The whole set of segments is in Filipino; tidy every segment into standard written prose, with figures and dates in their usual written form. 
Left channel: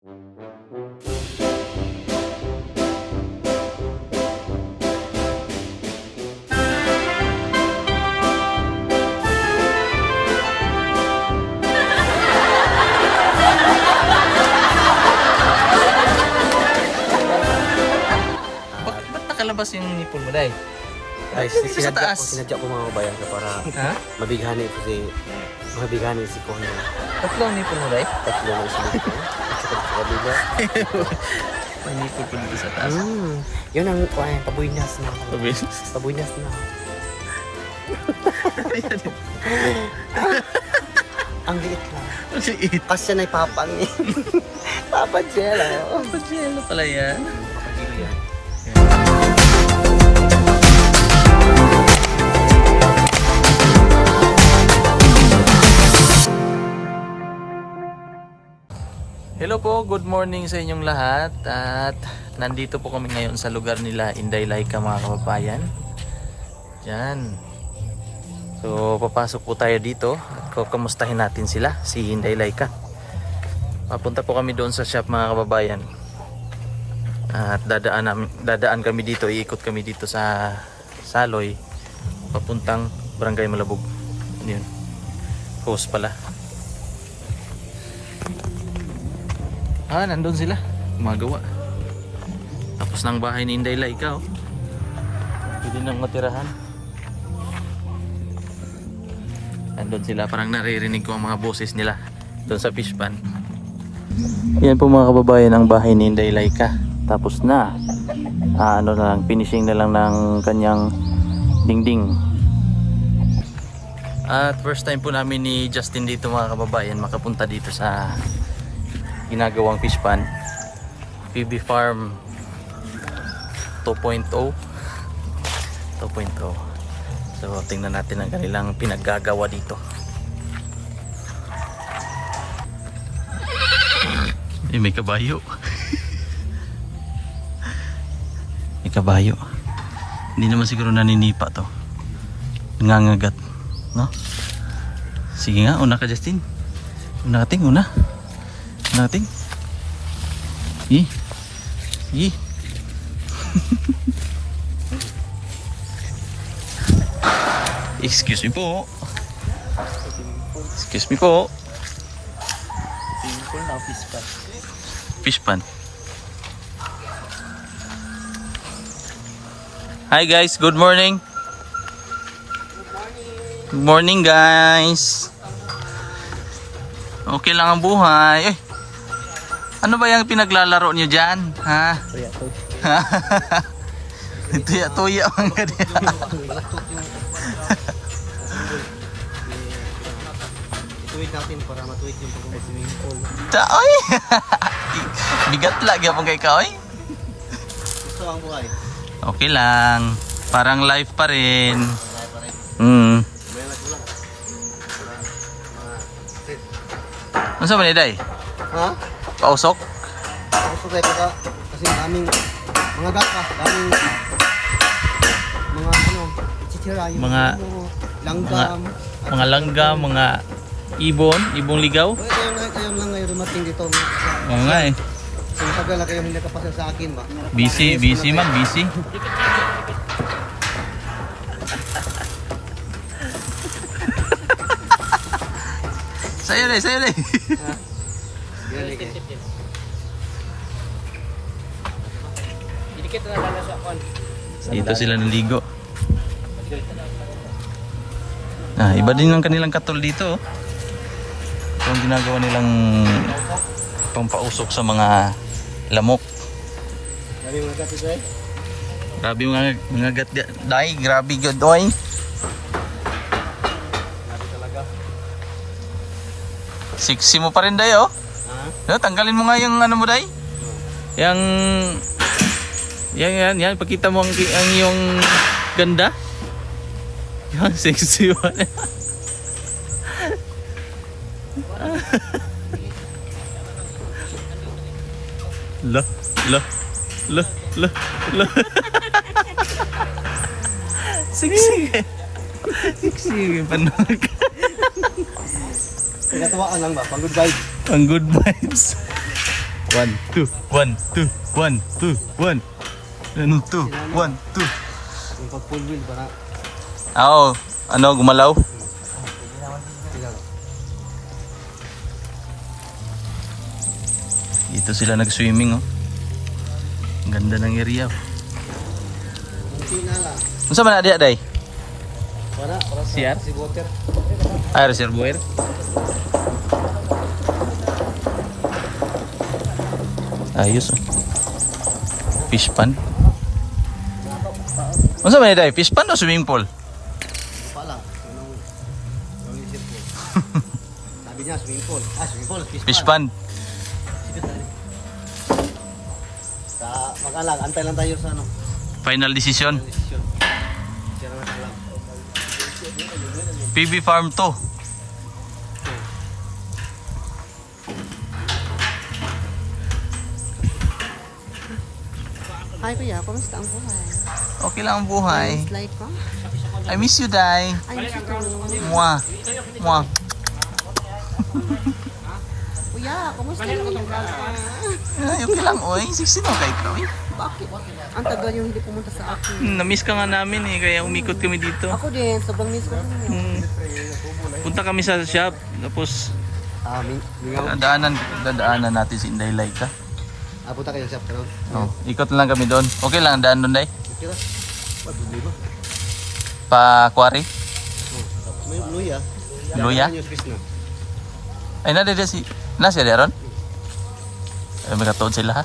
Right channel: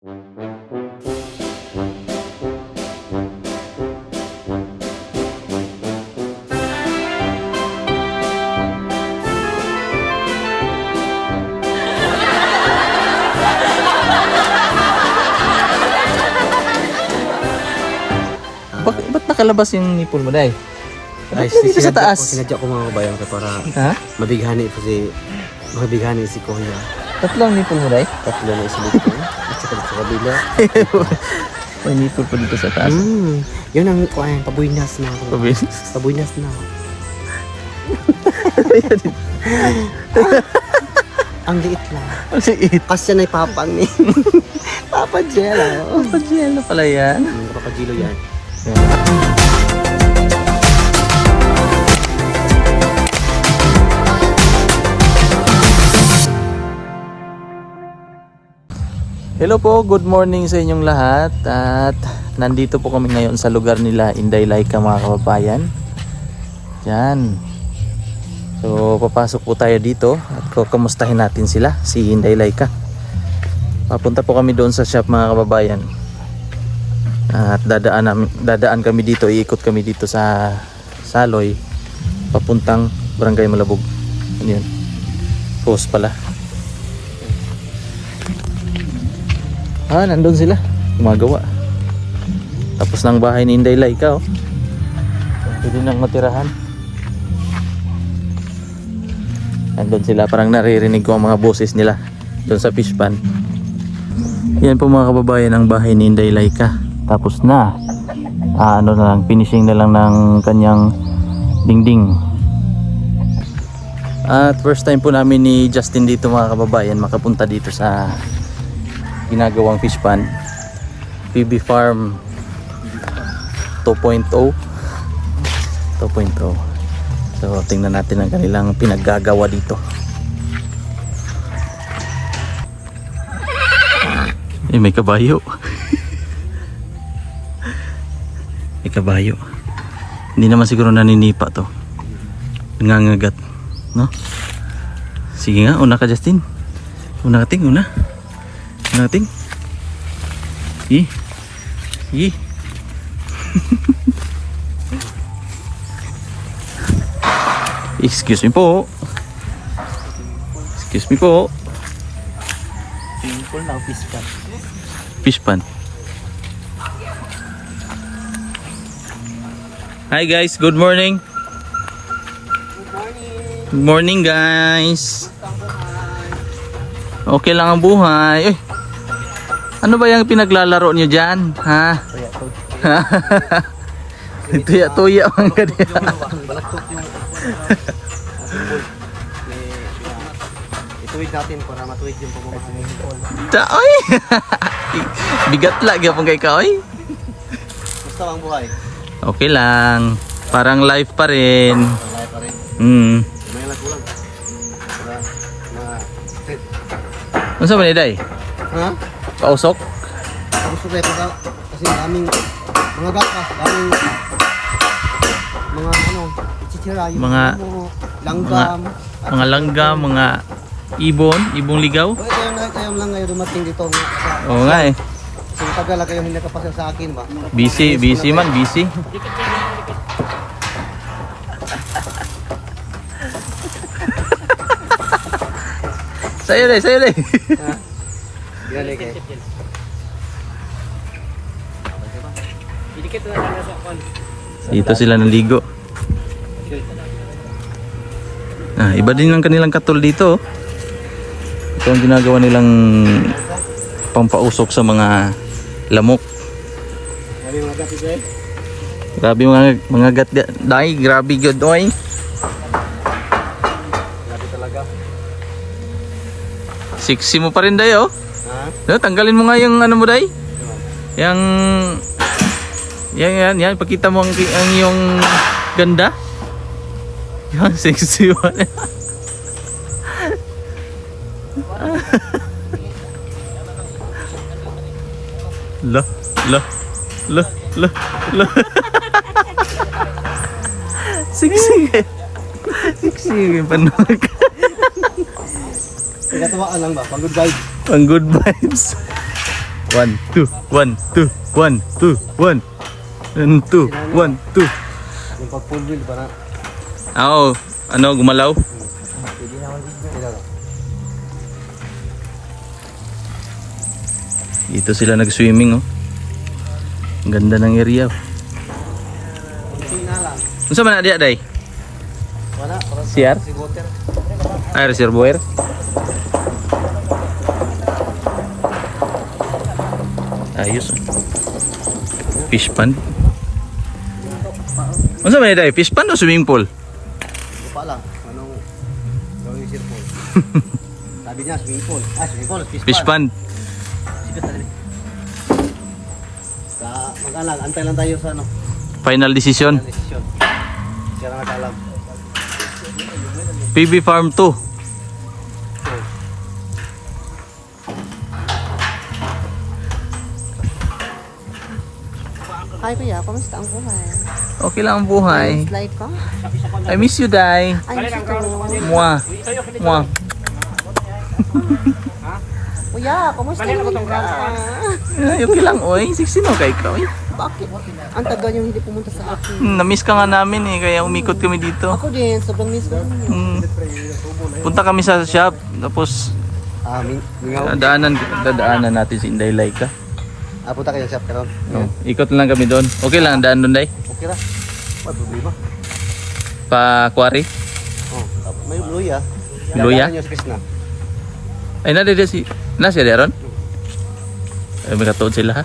Ba't nakalabas yung nipple mo, Day? Ay, dito sa taas? Sinadya ko mga kabayan ka para Ha? mabighani si Konya. Tatlong nipple mo, Day? Tatlo na isilit ko. At saka sa kabila. May nipple pa dito sa taas. Yun ang kuwan, pabuynas na. Pabuynas na. Ang liit lang. Kasi Kasya na ipapang ni. Papa Jello. Jello pala yan. Papa Jello yan. Hello po, good morning sa inyong lahat. At nandito po kami ngayon sa lugar nila Inday Laika, mga kababayan. Diyan. So papasok po tayo dito at kumustahin natin sila, si Inday Laika. Papunta po kami doon sa shop, mga kababayan. At dadaan kami dito, iikot kami dito sa Saloy papuntang Barangay Malabog. Ano yun? Post pala. Nandun sila gumagawa. Tapos ng bahay ni Inday Laika, oh. Pwede nang matirahan. Nandun sila, parang naririnig ko ang mga boses nila doon sa fish pan. Yan po, mga kababayan, ang bahay ni Inday Laika. Tapos na. Ano na lang, finishing na lang ng kanyang dingding. At first time po namin ni Justin dito, mga kababayan, makapunta dito sa ginagawang fish pan, PB Farm 2.0. So tingnan natin ang kanilang pinaggagawa dito. May kabayo. May kabayo. Hindi naman siguro naninipa to. Nangangagat, no? Sige nga, una ka, Justin. Una natin. Excuse me po. Simple na fish pan. Hi guys, good morning. Good morning guys. Okay lang ang buhay. Ano ba yung pinaglalaro nyo dyan? Ha? Tuya-tuya ang ganyan. Ituwid natin para matuwid yung pagmamahal ng Nicole. Oy! Bigat lagi apong kay ka, oy. Gusto ang buhay? Okay lang. Parang life pa rin. Malay pa rin. May lang. Para ma-fit. Ano sa maniday? Ha? Pausok? Ang sugay pa kasi daming mga gata, daming mga chichira, yung Mga langgam, Mga langgam, mga ibong ligaw. Oy, kayo lang ngayon dumating dito nga. Oo nga eh. Kung tagal na kayo hindi nakapasa sa akin ba? Busy man. Sayo deh. Yan eh kayo. Dito sila naligo. Iba din ang kanilang katol dito. Ito ang ginagawa nilang pampausok sa mga lamok. Grabe mga gat dai, grabe good oy. Grabe talaga. Sexy mo pa rin day, oh. Ha? No, tanggalin mo nga yung ano mo day. Yang yan, pakita mo ang yung ganda. Yung sexy mo. Lo. Sexy panog. Nagatawa ka lang ba? Pang good vibes. Pang good vibes. 1, 2, 1, 2, 1, 2, 1. 1, 2, 1, 2. Yung pag full wheel para. Oo, ano, gumalaw? Dito sila nag-swimming, oh. Ang ganda ng area, oh. Ano sa mana dia, Day? CR? Ah, reservoir? Ayos, oh. Fish pond? Ano sa mana, Day? Fish pond o swimming pool? Lupa lang. Anong gawin yung pool? Sabi niya, swimming pool. Swimming pool. Fish pond. Mag-alang, antay lang tayo sa ano. Final decision. Desisyon. Siya lang nag-alam. PB Farm 2. Hi kuya, kamusta ang buhay? Okay lang ang buhay. Slide ko? I miss you, Day. Ay, gusto ko. Mwah. Mwah. Kuya, kamusta naman ka? Ay, okay lang, oy. 16 na kay ikaw, eh. Bakit? Ang tagal yung hindi pumunta sa akin. Na-miss ka nga namin, eh. Kaya umikot kami dito. Ako din, sobrang miss ko ninyo. Punta kami sa shop. Tapos, Mingaw. dadaanan natin si Inday Laika. Punta kayo sa shop karon. No. Ikot lang kami doon. Okay lang, daan doon, Day. Okay ra. May problema. Pa-quarry. Tapos may luya. Luya? Dadaanan niyo sa Krishna. Ay, nade si... Nasa Deron? Ay, may katuod sila, ha?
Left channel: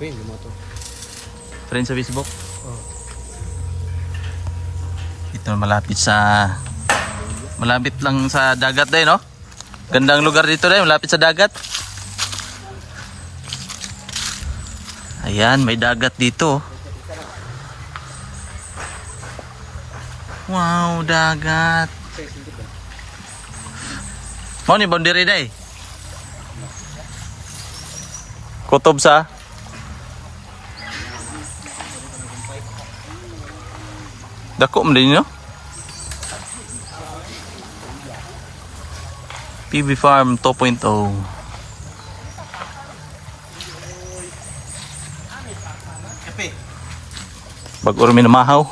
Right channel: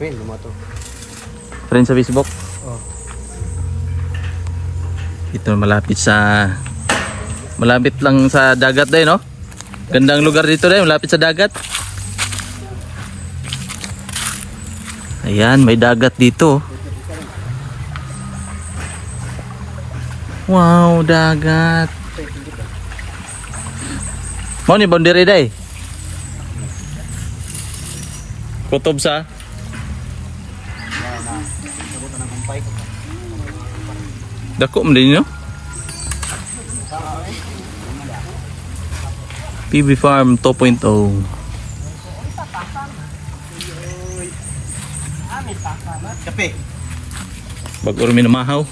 Pin, lumato. Friend sa Facebook? Oh. Ito malapit sa... Malapit lang sa dagat din, no? Gandang lugar dito din, malapit sa dagat. Ayan, may dagat dito. Wow, dagat. Mau ni boundary day. Kutob sa dako man din, no? PB Farm 2.0. Kape. Bago rin minamahaw.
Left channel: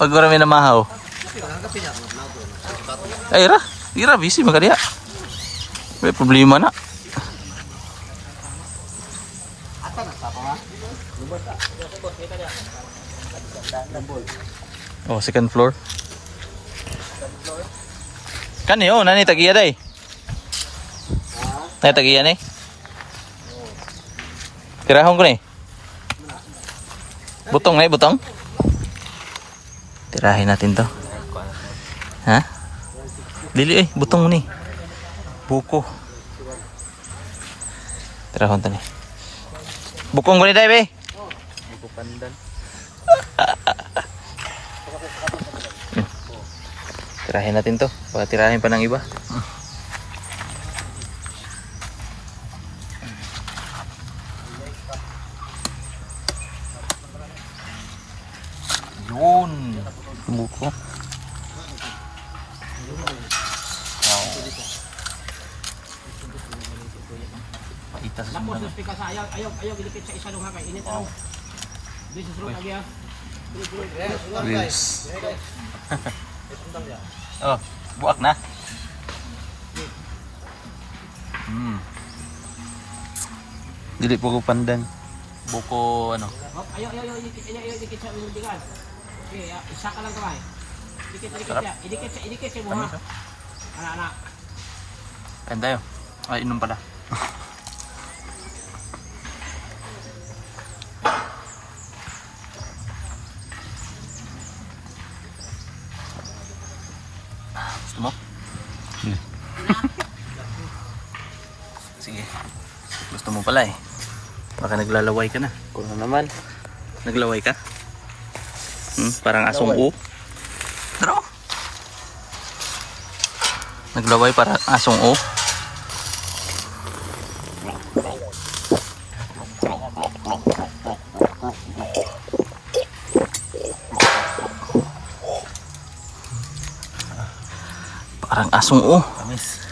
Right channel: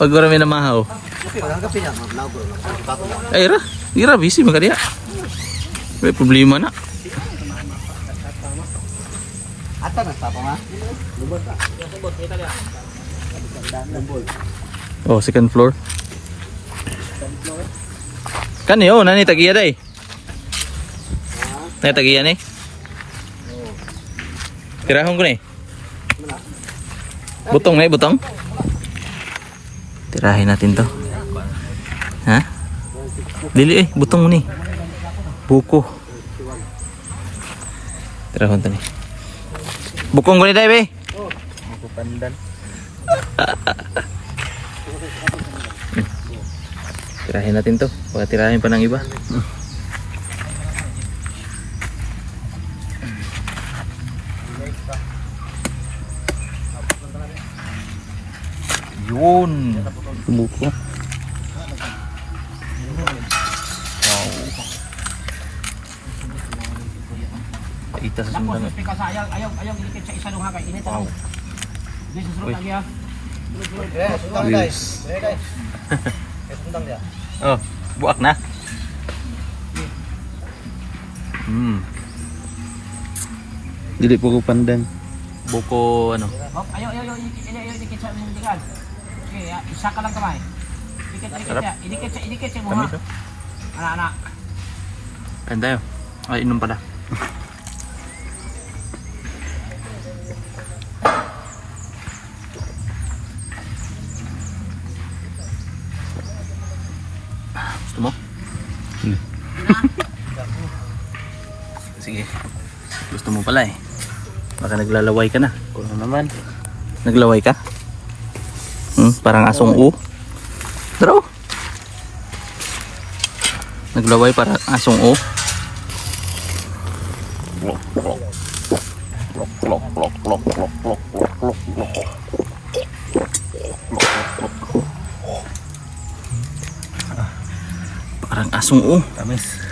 Bago rin minamahaw. Kape, wala kape niya. Maglago. Bato lang. Ay, ira, busy magkadiya. May problema na. Ata na sa pa nga. Oh, second floor. Kan yo, nani tagiya day. Nani tagiya ni? Tirahon ko ni. Butong na, butong. Tirahin natin to. Ha? Dili, butong ni. Buko. Tirahon to ni. Bukong ko ni day, be. Buko pandan. Tirahin natin to. Baka tirahin pa ng iba. Yun. Buko. Wow. Ita sa sundan. Ayaw gilikit sa isa luha kay init. Wow. Di susunod lagi ha. Sundang Wheels. guys. Sundang dia. Oh, buak na. Dili po ko pandan. Buko ano? Ayaw dikit sa nindigan. Okay, isa ka lang kamay. Idikit sa buha. Tamis, oh. Anak. Ganda yun. Ay, inom pala. Gusto mo? Sige. Gusto mo pala eh. Baka naglalaway ka na. Kung ano naman. Naglaway ka? Parang asong u. Draw. Naglaway para asong u. Parang asong u. Tamis.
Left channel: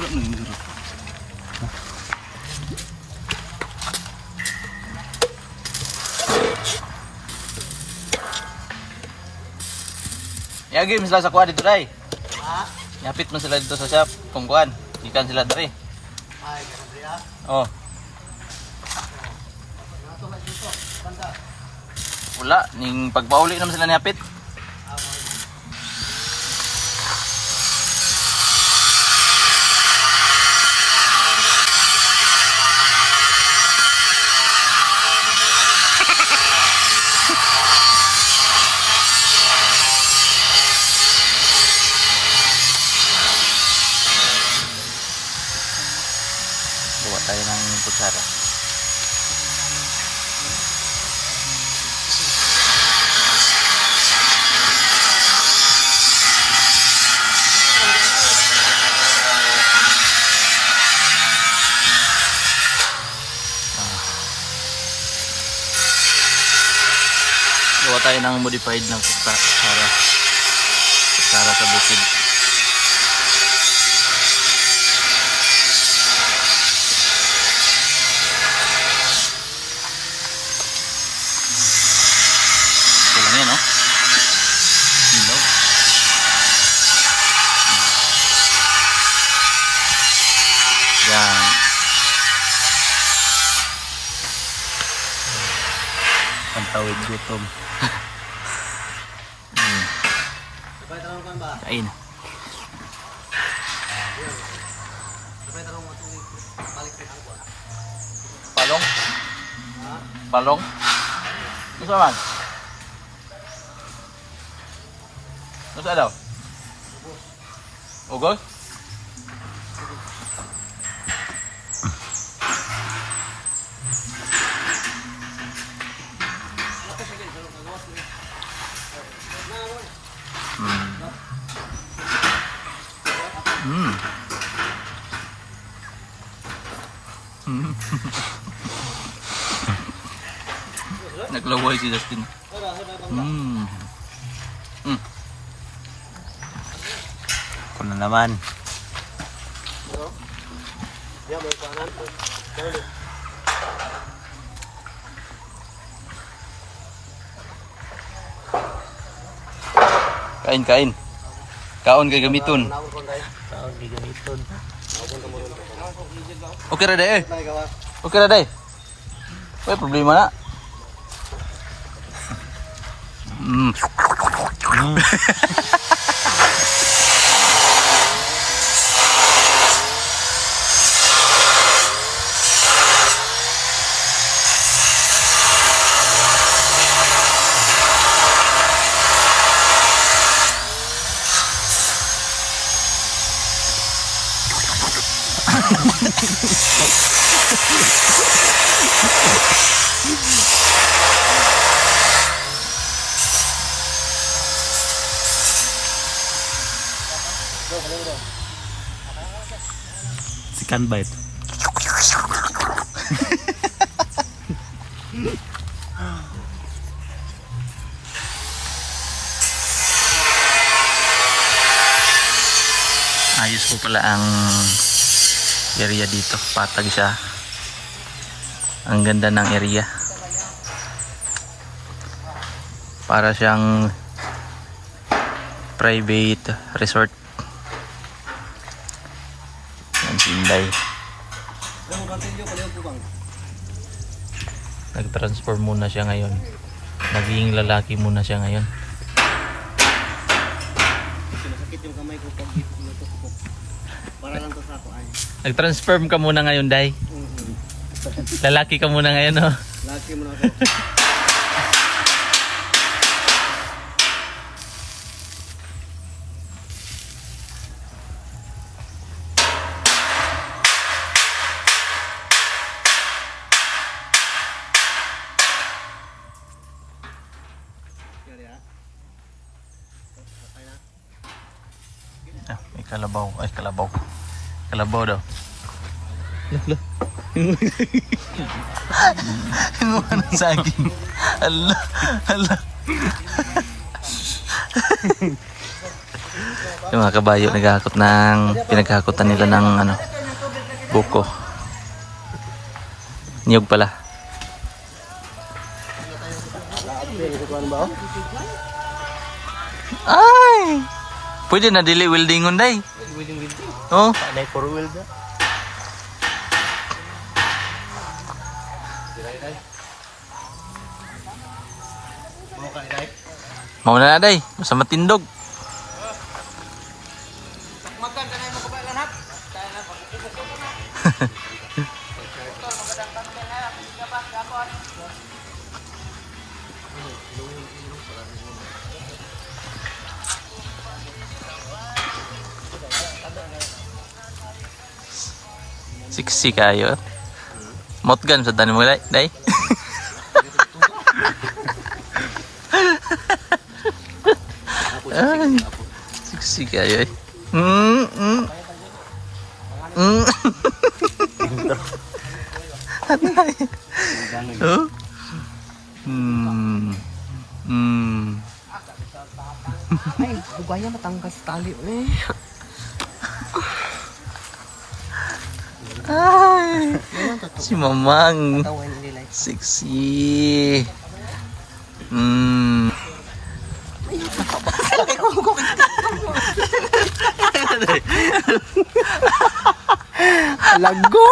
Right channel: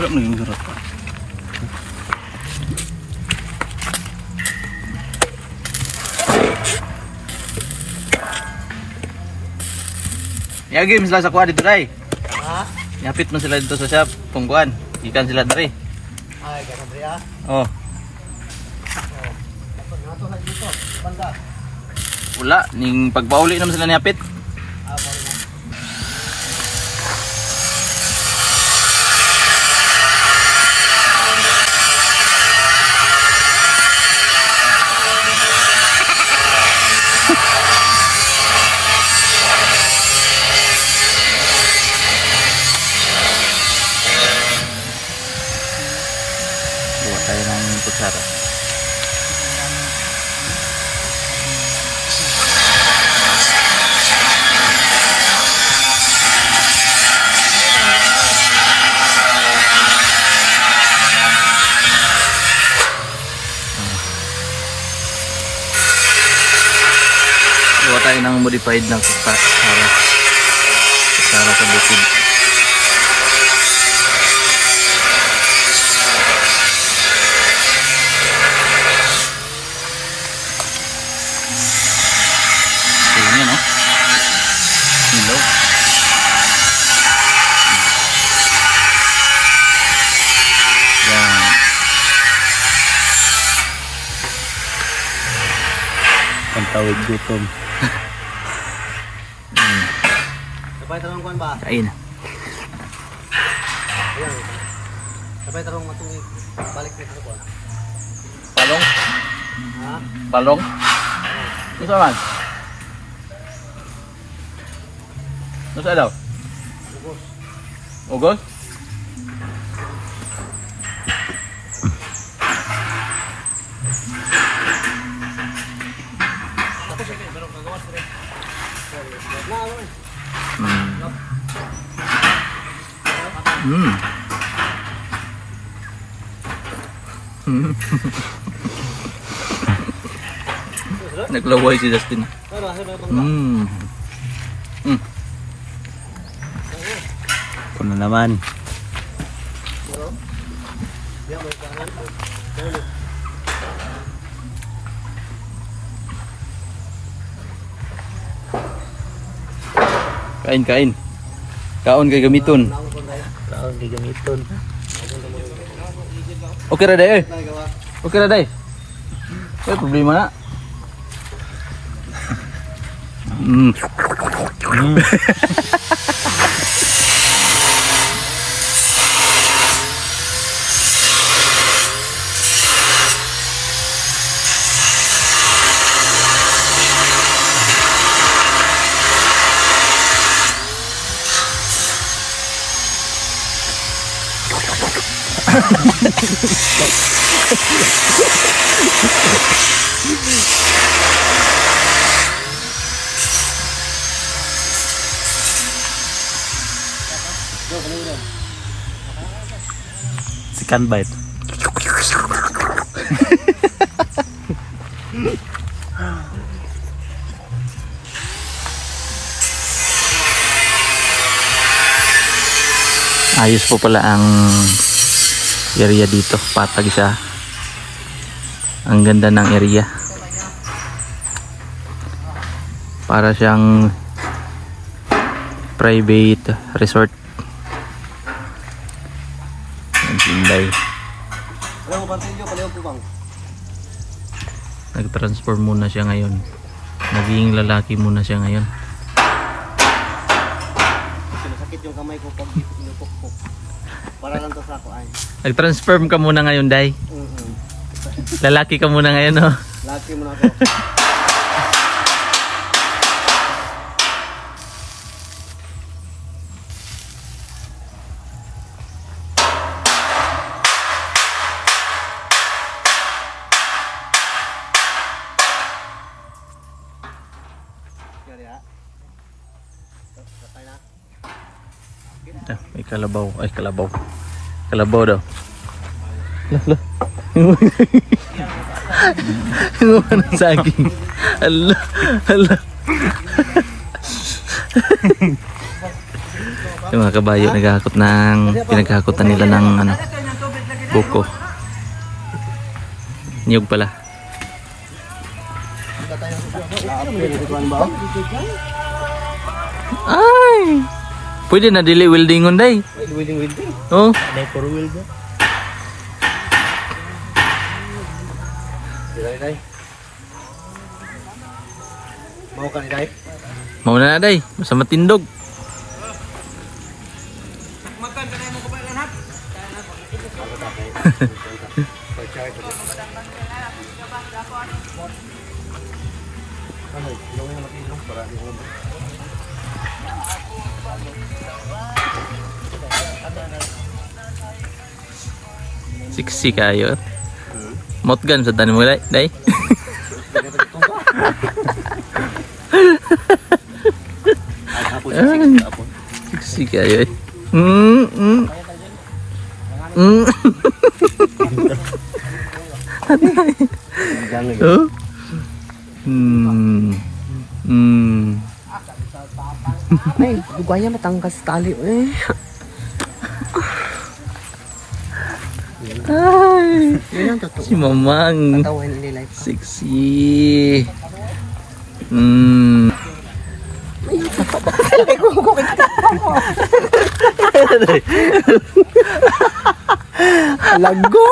Wala mo naging surat pa. Yagi, sila sa kuha dito, day. Ha? Yapit mo sila dito sa shop. Tungkuan. Ikan sila dari. Ay, ganun rin ah. Oh. Nato lang dito. Banda. Wala. Ning pagpauli naman sila niyapit. Ah, sorry na. Buwa tayo ng kutsara. Buwa tayo ng modified ng kutsara. Kutsara sa bukid. Kulang yan, oh. Ilaw. Yan. Pantawid gutom. Sabay tarong kuan ba? Kain. Ayan. Sabay tarong matungig. Balik dito sa kuan. Palong? Ha? Palong? Ano man? Ano sa daw? Ubos. Ugos? Mm. Mm. Naglaway si Justin. Tara, halo bang. Mm. Mm. Kuno naman. Kain, kain. Kaon kay gamiton. Kaon kay gamiton. Okay ra day. Okay ra day. May problema na. Mm. Mm. Second bite. Ayos po pala ang area dito, patag siya. Ang ganda ng area. Para siyang private resort. Ang Inday. Alam mo ba tayo pala po bang? Nag-transform muna siya ngayon. Naging lalaki muna siya ngayon. Sakit yung kamay ko pag pinupok-pok. Para lang to sa ako ay. Nag-transform ka muna ngayon, Day. Mm-hmm. Lalaki ka muna ngayon, oh. Laki mo na ako. Ah, may kalabaw. Ay, kalabaw. Kalabaw daw. Lah. Inuman ang saging. Allah. Allah. Yung mga kabayo naghahakot ng pinaghahakotan nila ng ano, buko. Niyog pala. Ay! Pwede na dili weldingon day. Welding. Oh. Day for weld. Day. Mau ka ni day? Mau na day, basta matindog. Siksi kayo. Motgan sa tanim mo day. Day. Siksi kayo. Oh. Ay, bugaya matangkas tali. Ay, Yan ang totoo. si Mamang. Tawan nila. Sexy. Lago!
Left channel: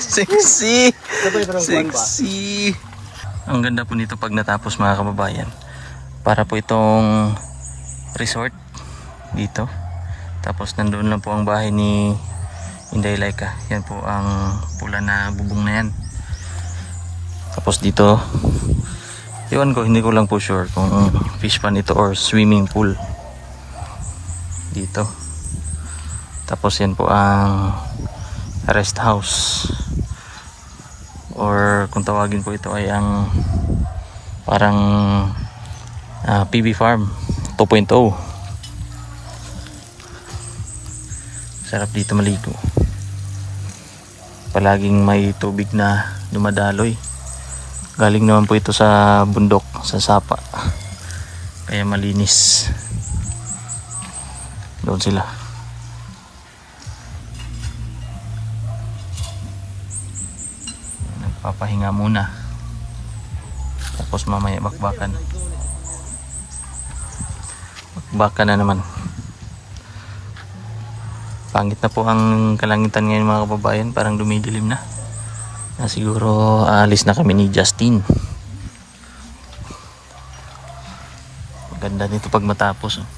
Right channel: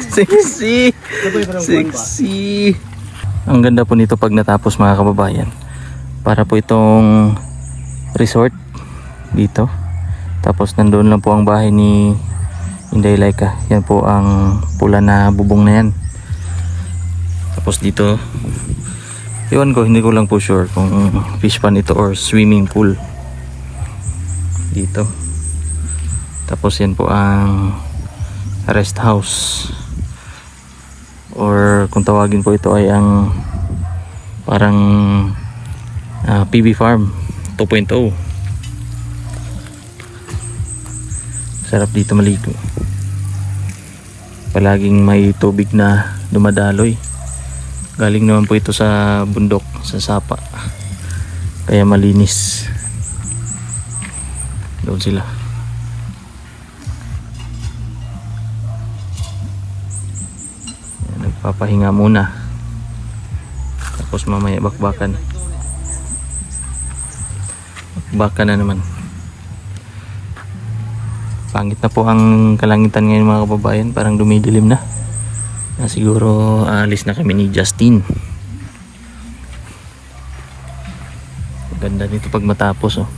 Sexy. Sexy. Ang ganda po nito pag natapos mga kababayan. Para po itong resort dito. Tapos nandoon lang po ang bahay ni Inday Laika. Yan po ang pula na bubong na yan. Tapos dito, iwan ko, hindi ko lang po sure kung fish pond ito or swimming pool. Dito. Tapos yan po ang rest house. Or kung tawagin po ito ay ang parang PB Farm 2.0. Sarap dito maligo. Palaging may tubig na dumadaloy. Galing naman po ito sa bundok, sa sapa. Kaya malinis. Doon sila. Nagpapahinga muna. Tapos mamaya bakbakan. Bakbakan na naman. Pangit na po ang kalangitan ngayon mga kababayan. Parang dumidilim na. Siguro aalis na kami ni Justin. Maganda nito pag matapos. Oh.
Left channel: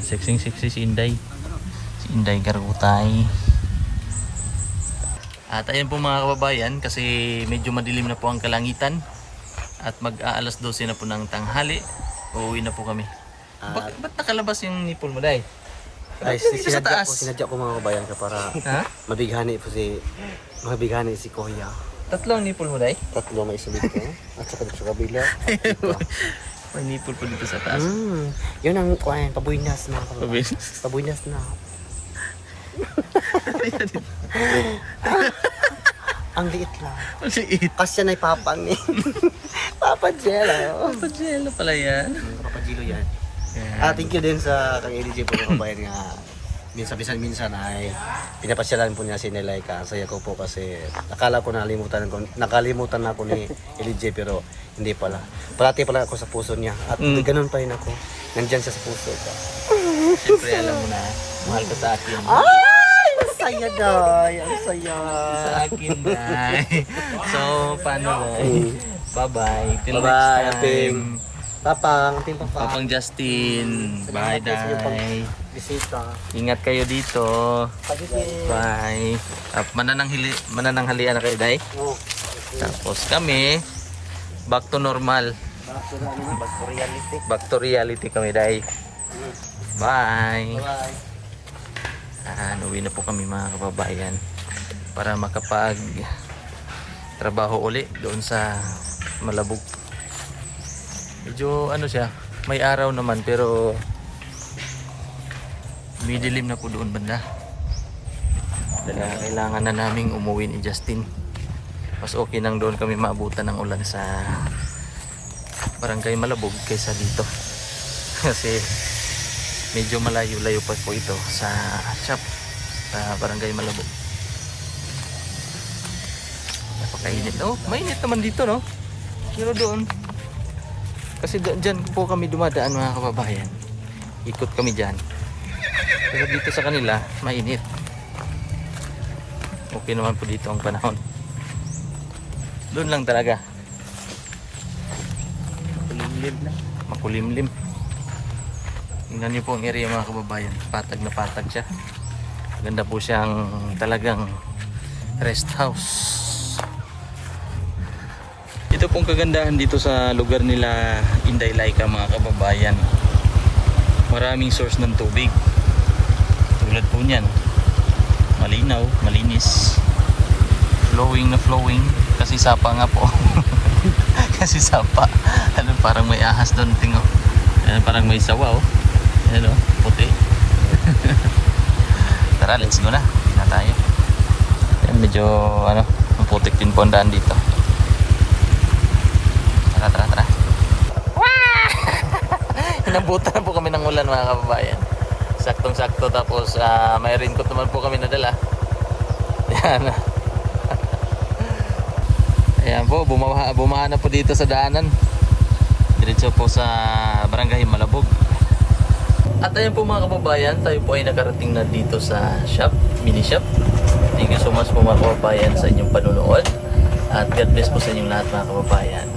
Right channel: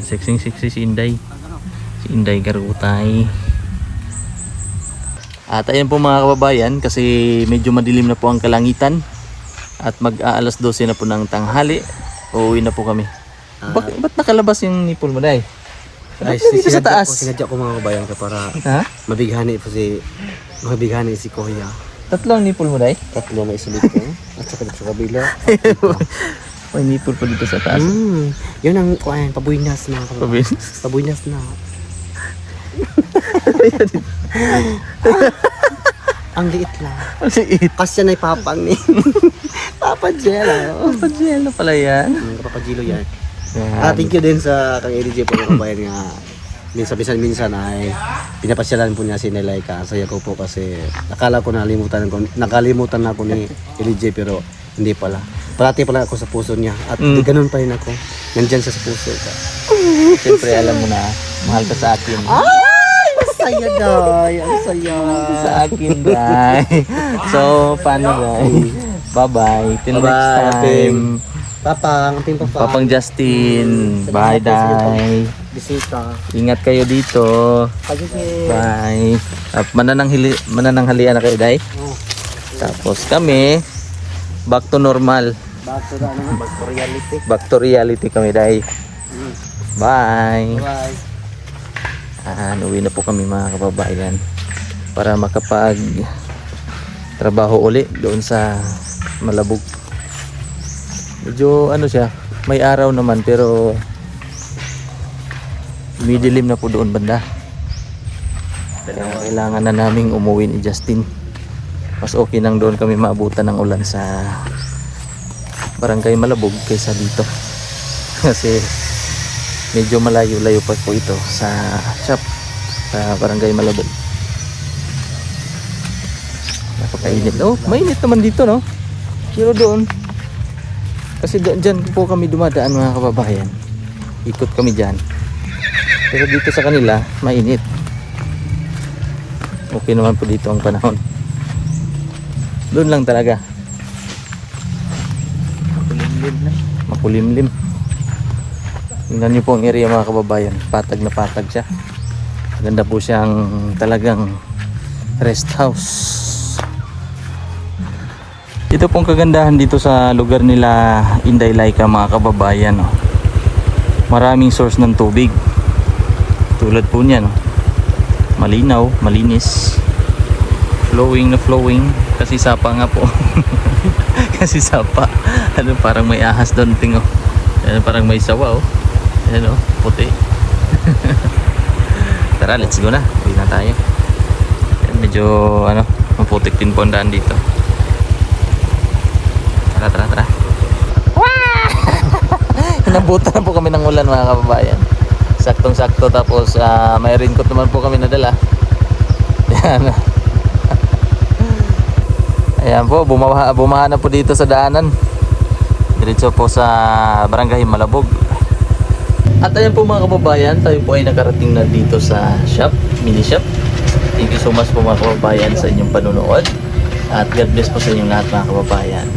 Sexy si Inday. Si Inday Garutay. At ayan po mga kababayan, kasi medyo madilim na po ang kalangitan. At mag-aalas 12 na po ng tanghali. Uuwi na po kami. Ba't nakalabas yung nipple mo, Day? Ay, Dito sa taas. Sinadya ko mga kabayan ka para Ha? mabighani si Kuya. Tatlong nipple mo, Day? Tatlo may sulit ko. At saka dito sa kabila. May nipple pa dito sa taas. Yun ang kuan, pabuynas mga kabayan. Pabuynas na. Ang liit lang. Masiit. Kasi yan ay papang ni. Papa Jello. Papa Jello pala yan. Papa Jello yan. Yan. Thank you din sa kang LJ po mga kabayan nga. Minsan ay pinapasyalan po niya si Nelaika. Saya ko po kasi nakala ko nakalimutan na ako ni LJ pero hindi pala. Parati pala ako sa puso niya at ganun pa rin ako. Nandyan siya sa puso ka. Siyempre alam mo na, mahal ka sa akin. Ay! Ang saya, Day! Ang saya! Sa akin, Day. So, paano, Day? Bye-bye. Till next time. Papang, ating papang. Papang Justin. Bye, Day. Bisita. Ingat kayo dito. Pag-isip. Bye. Manananghalian na kayo, Day. Oh. Tapos kami, back to normal. Back to reality. Back to reality kami, Day. Bye. Bye. Uwi na po kami mga kababayan para makapag trabaho uli doon sa Malabog. Medyo ano siya, may araw naman pero midilim na po doon banda. Kaya kailangan na naming umuwi ni Justin. Mas okay nang doon kami maabutan ng ulan sa Barangay Malabog kaysa dito. Kasi medyo malayo-layo pa po ito sa shop sa Barangay Malabog. Napakainit. Oh, mainit naman dito, no? Pero doon, kasi dyan po kami dumadaan mga kababayan. Ikot kami dyan. Pero dito sa kanila, mainit. Okay naman po dito ang panahon. Doon lang talaga. Makulimlim. Tingnan niyo po ang area mga kababayan. Patag na patag siya. Maganda po siyang talagang rest house. Ito pong kagandahan dito sa lugar nila Inday Laika mga kababayan. Maraming source ng tubig. Tulad po niyan. Malinaw, malinis. Flowing na flowing. Kasi sapa nga po. Kasi sapa. Ano, parang may ahas doon tingo. Ano, parang may sawa oh. Ano, puti. Tara, let's go na. Hindi na tayo. Yan, medyo ano, maputik din po ang daan dito. Tara, tara, tara. Inabutan na po kami ng ulan mga kababayan. Saktong sakto, tapos may raincoat naman po kami nadala. Yan. Ayan po, bumaha na po dito sa daanan. Diretso po sa Barangay Malabog. At ayan po mga kababayan, tayo po ay nakarating na dito sa shop, mini shop. Thank you so much po mga kababayan sa inyong panunood. At God bless po sa inyong lahat mga kababayan.